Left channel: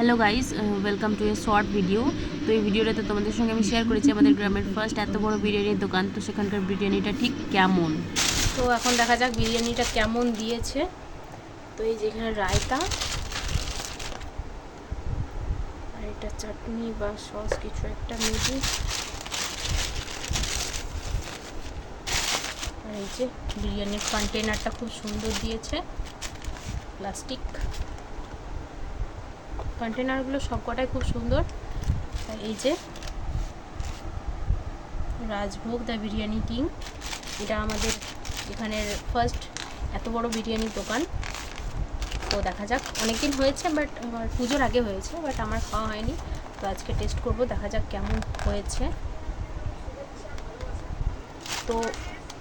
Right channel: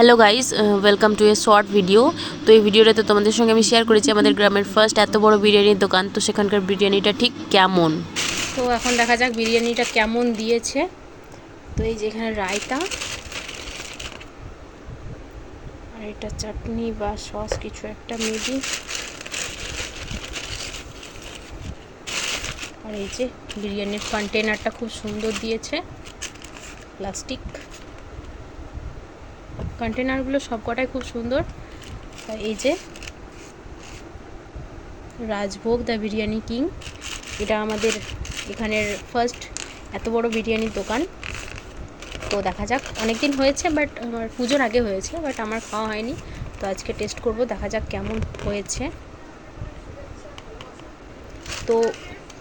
Hello guys, welcome to a short video. তো এই ভিডিওটাতে তোমাদের সঙ্গে আমি শেয়ার করেছি আমাদের গ্রামের ফার্স্ট এত বড় বিরিয়ানির দোকান। তো সেখানকার বিরিয়ানিটা ঠিক কেমন, তো এখন দেখা যাক বিরিয়ানিটা কেমন দিয়েছে। তো এই যেখানে রায়তা আর এটা চাটনি বা সস কিছু একটা মেবি, আর এই যে বিরিয়ানির কন্টেনারটা খুব সুন্দর দিয়েছে, প্লাস্টিক কন্টেনারগুলো সবকটাই খুব সুন্দর। আর এই যে রাজভোগ দ্য বিরিয়ানি কিং, এটা আমাদের এখানের ফার্স্ট এত বড় বিরিয়ানির দোকান। তো দেখা যাক, অনেক দিন হয়েছে বাট আমার পুজোর আগে হয়েছে, বাট আমার খাওয়া হয়নি। তো আজকে টেস্ট করব, দেখা যাক কেমন হয়েছে। তো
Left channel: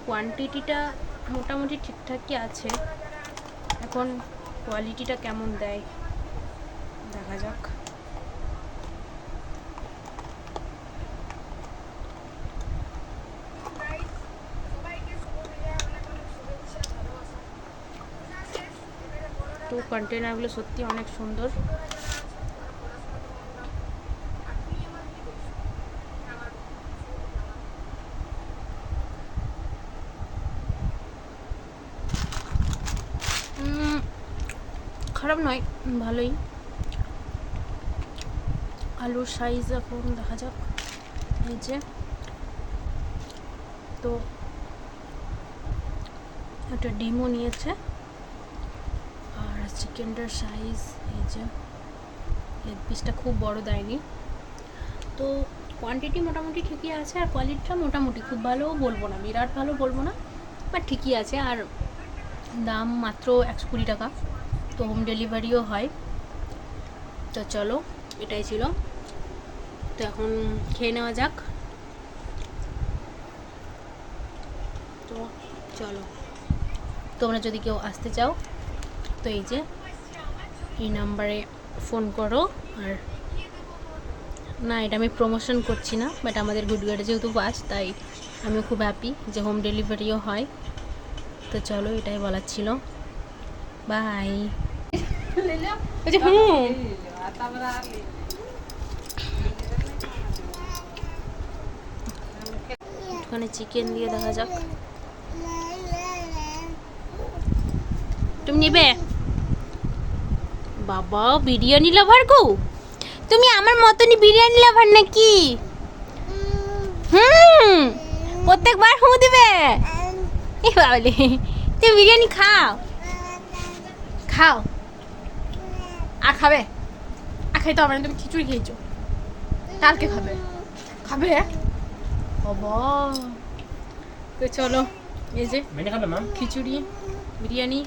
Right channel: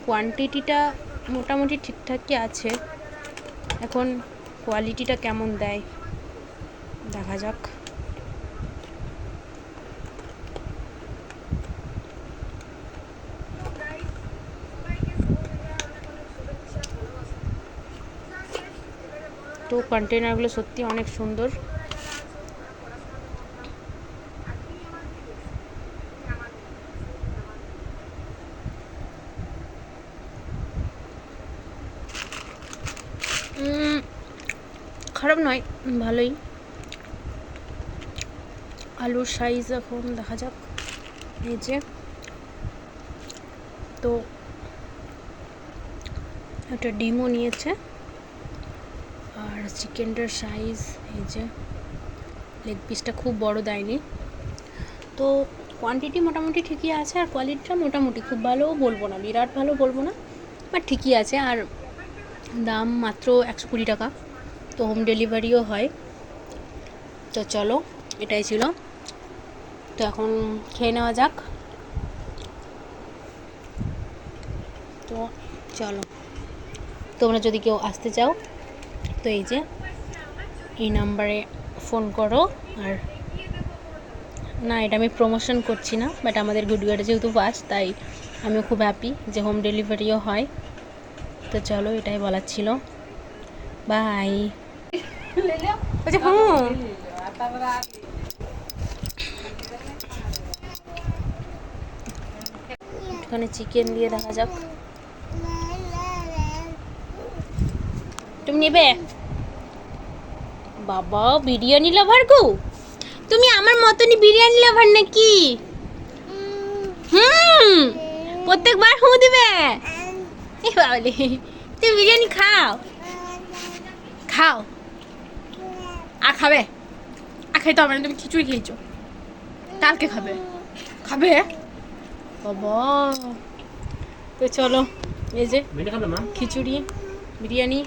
কোয়ান্টিটিটা মোটামুটি ঠিকঠাকই আছে, এখন কোয়ালিটিটা কেমন দেয় দেখা যাক। তো কন্টেনারগুলো সত্যি অনেক সুন্দর। খারাপ নয়, ভালোই। আলুর সাইজ এখন দেখা যাক, এই যে তো একটা ডিমও নিয়েছে, আর চিকেনটার সাইজ এই যে, লেগ পিসটা খুব বড় দেয়নি। তো কোয়ান্টিটি মোটামুটি ঠিকই আছে, আর কোয়ালিটিটা মোটামুটি খুব ভালোও বলবো না, বিরাট ভালো বলবো না, বাট ঠিকই আছে। আর দাম মাত্র 120 টাকা, তো হোম ডেলিভারিও হয়। তো চলো, এটাই ছিল। তো এখন খেয়ে নেওয়া যাক। তো চলো, তোমরা যদি কেউ আসতে চাও তো এই যে এই নাম্বারে ফোন করো। আর না, এটা আমি প্রমোশন করছি না, বাট আমাদের গুডগাড়ে যেহেতু ফার্স্ট, তাই আমিও খুব হ্যাপি যে হোম ডেলিভারিও হয়। তো চলো, এটাই বলার ছিল। বাই। এখানে চিকেন দিয়ে দেখা যাক, তুমি নেবে? বাবা, বিরিয়ানি লাভার গো তুমি, আমার মতনই বিরিয়ানি লাভার নাকি? প্রত্যেকবার হু দিবে। এই বাবলি, তুমি বিরিয়ানি খাও খাও। আর খাবে? আর খাইতে হবে না, তুমি খিচুড়ি খেয়েছো, কালকে খাবে খাবে বাবা। তো চলো, এই যে খিচুড়ি বিরিয়ানি